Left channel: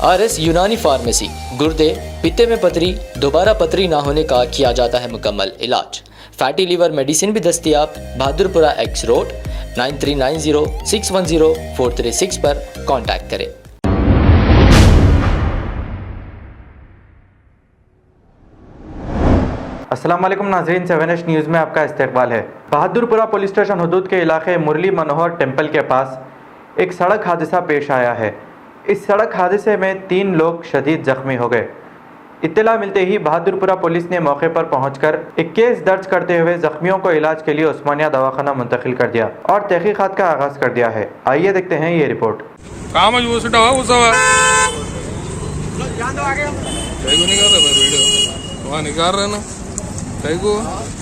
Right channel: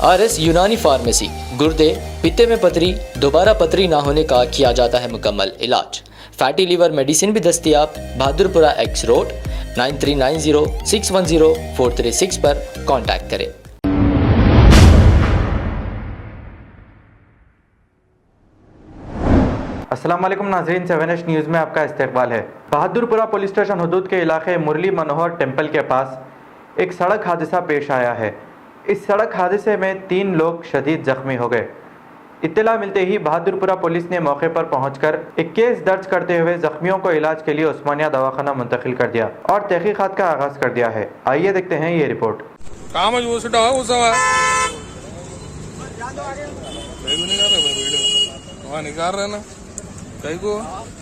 RS यूनानी pharmacy, गुर्दे, पित्ते में पथरी, दोबारा पथरी ना होने का किया जाता है मुकम्मल इलाज। फैटी लीवर मेडिसिन भी दस्तियाब। बहादुरपुरा X रोड 9390610436 पर कांटेक्ट करें। अस्सलाम वालेकुम नाज़रीन, 7H न्यूज़ में आपका इस्तकबाल है। बहादुरपुरा पुलिस स्टेशन हदूद के इलाके मुरली मनोहर टेम्पल के पास एक सड़क हादसा पेश आया है। इस सड़क हादसे में 3 लोग शदीद जख्मी हो गए। इत्तला मिलते ही बहादुरपुरा पुलिस ने मौके पर पहुंचकर एक केस दर्ज करते हुए जख्मियों को इलाज के लिए उस्मानिया दवाखाना मुंतकिल कर दिया और तहकीकात का आगाज कर दिया है। आइए देखते हैं ये रिपोर्ट।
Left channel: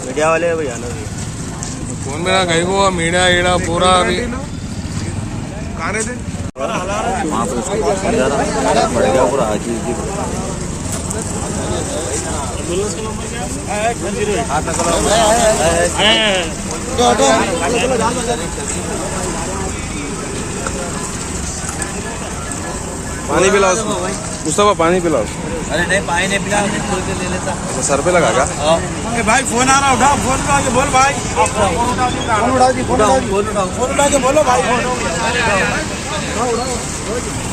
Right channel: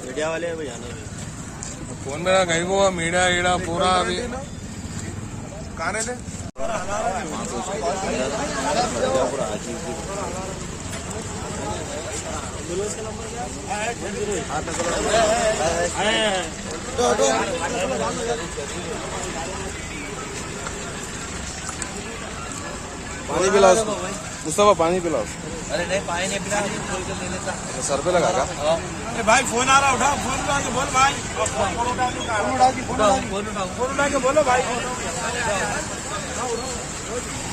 मीडिया वाले भैया फोन मेरा कहीं को मीडिया एड़ा पूरा अभी वहाँ पे उसको पड़ेगा पूरा पानी पिलाओ मुस्तफा, पानी पिलाओ। अरे नहीं, पानी नहीं पिला, ले लेता। तो सर पे लगा क्या? भाई फोन आ रहा, उठा फोन उठा के बोल भाई। फोन उठा के बोलो भाई।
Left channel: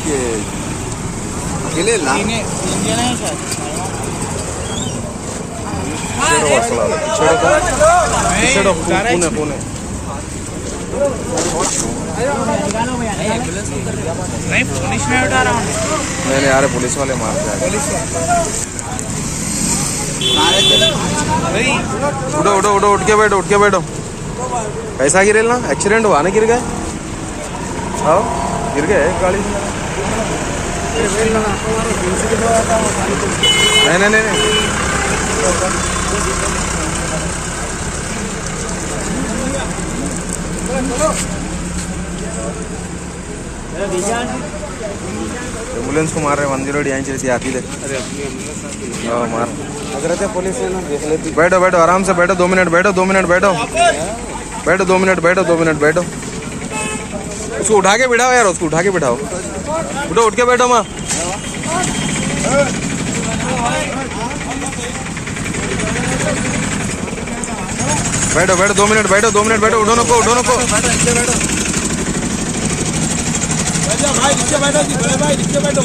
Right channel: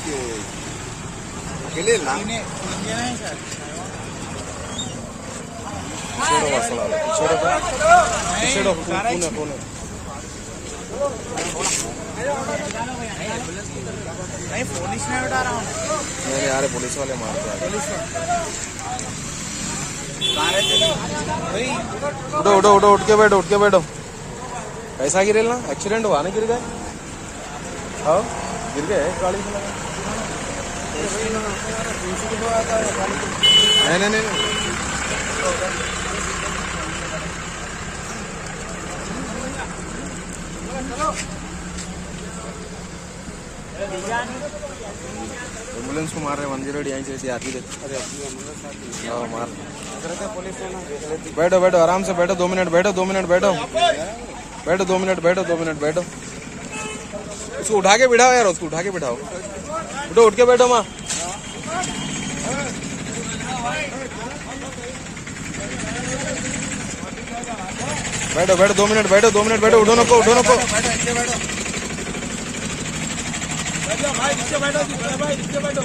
ये अकेले ला छेड़ो असला छेड़ो तो छेड़ो कौन है नहीं, पुलिस में उठा रहा हूँ। नहीं यार, पुलिस वाले मारते हैं। उठो उठो उठो, उठ के बैठो। कैसा गिरे ना? एक्सीडेंट हुआ ना? गिर गए? आओ, गिर गए गाड़ी से? नहीं। एम्बुलेंस को मार रहे, 108 यहाँ चलती आती थे। अरे अपनी एम्बुलेंस मार पुलिस है ना, देख लेती। बैठो आराम से बैठो, 2 मिनट बैठो। 2 मिनट बैठो। उसको उठा के बिठाओ यार, उसको उठा के बिठाओ। उठ के बैठो माँ। बैठो 2 मिनट बैठो। उठो नको। भाई नीचे बैठो जी, बड़े भाई नीचे बैठो।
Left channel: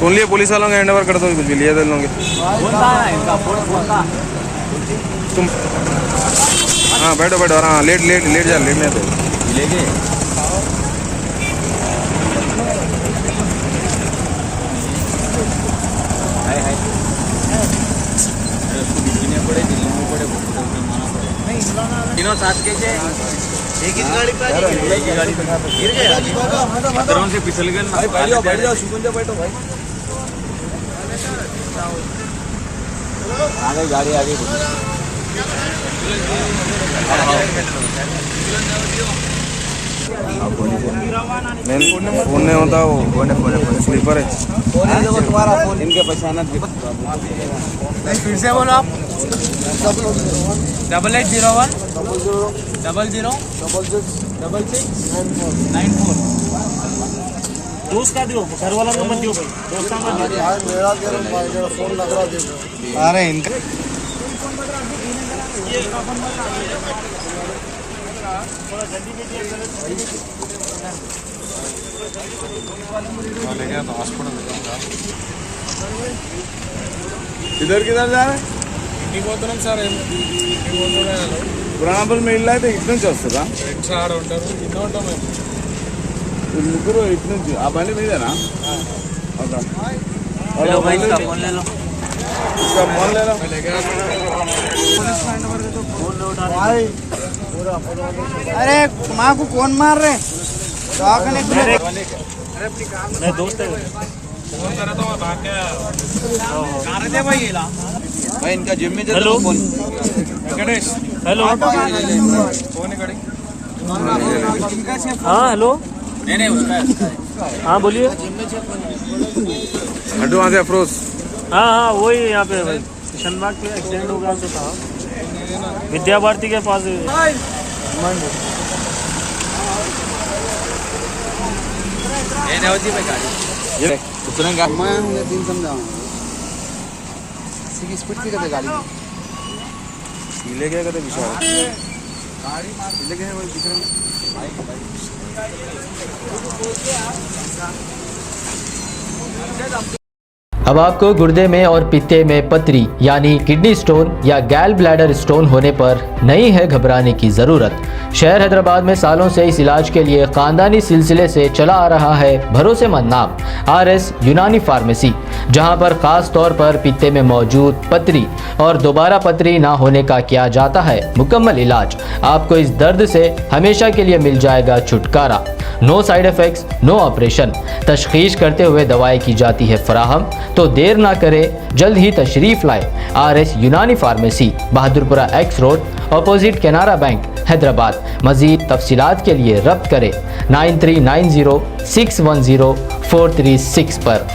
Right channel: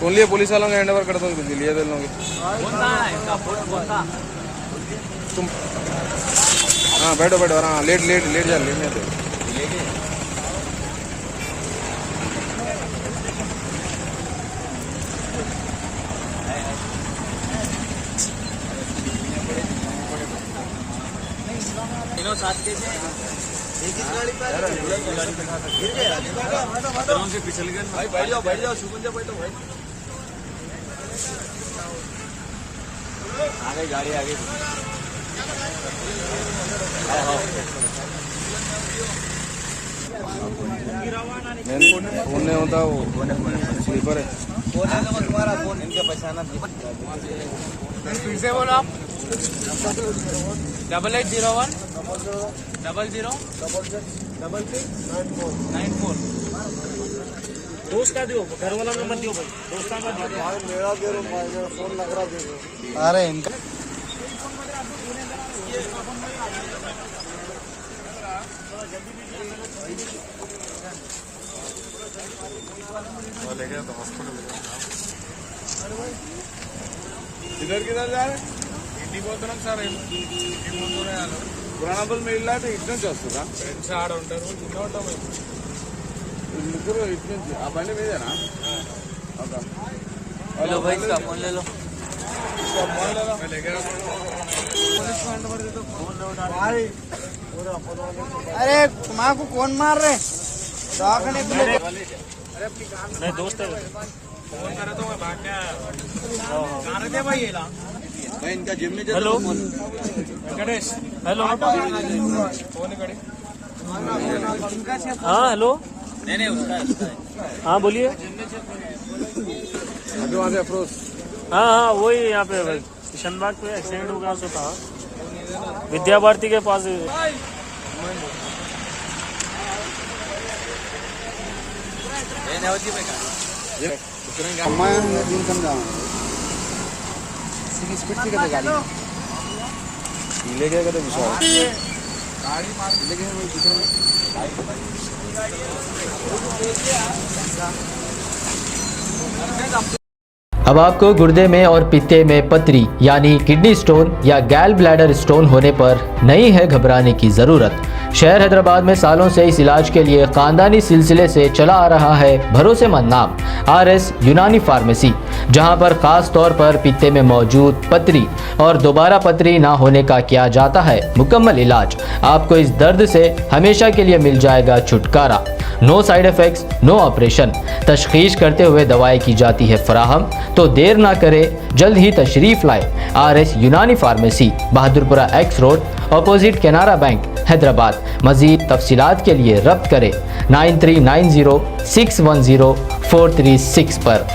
कौन लिए पुलिस वालों का हैंड ओवर कर दो, कुछ भी लिए लोगे तुम। हाँ बैठो हाँ, लेट जा, लेटने तो लेके। एक गाड़ी पे गिर गया, से फिसल गया। बैठ जाओ, सुकून से बैठो भाई। आ गई गाड़ी, आ गई। फोन नहीं होता, वो स्लीपर है। तुम्हारा फोन इनके पहचाना। फिर से बोलो आप। 8801 00 6694। दोस्त का दियो, घर वाला नंबर दियो भाई। दोस्त का मेरा फोन लग रहा है। अरे इनका ले गया तो हॉस्पिटल ले जाऊंगा। किधर जा रहे हैं? सर పురాణాపురం వెళ్ళి అయితే ఇటు నుంచి వస్తుందా? ఇటు ఆడ ఉంటారు, ఇటు ఉంటాం మేము. ముగ్గురు ఇటు నుంచి ఆ బండి మీదేనా? अरे माँ को कौन मार रहे? दोस्त है। फोन करा तो भाई मैं इनका जिम में जाता हूँ। गणेश हेलो। हाँ हेलो। नहीं उसका। हाँ बोलिए। हटो वहाँ से अफरोज। हाँ वही यहाँ पे किशन बाग के एक्सीडेंट हुआ, विद्या भारती के पास। ये तुरंत मैं दिन समझाऊंगा स्पीड से कहते गाड़ी पीले क्या करते विशाल पीले के वही दिख रहे अब आपको गुर्दे में और पित्ते में पथरी यानी किडनी स्टोन या गैल ब्लैडर स्टोन होने पर नहीं है घबराने की ज़रूरत। शहर हैदराबाद में सालों से इस इलाज के लिए ख़ानदानी सिलसिले से चला आ रहा है भरोसेमंद नाम RS यूनानी फार्मेसी, जहां पर ख़ास तौर पर पित्ते में मौजूद पथरी और दोबारा पथरी ना होने का किया जाता है मुकम्मल इलाज। आपको इस दर्द से हमेशा के लिए मिल जाएगा छुटकारा। No side effects, no operation, तशखीस करते हुए दवाएं की जाती है फराहम। तो देर ना करें, जल्द ही तशरीफ़ लाए RS यूनानी pharmacy, Bahadurpura X road, opposite Canara bank, Hyderabad. मज़ीद तफसीलात के लिए रब्त करें 9390610436 पर।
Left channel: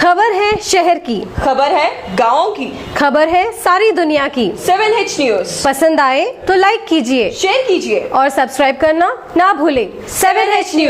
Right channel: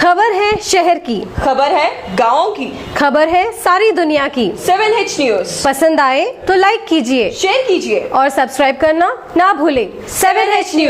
खबर है शहर की, खबर है गाँव की, खबर है सारी दुनिया की। 7H न्यूज पसंद आए तो लाइक कीजिए, शेयर कीजिए और सब्सक्राइब करना ना भूलें। 7H news.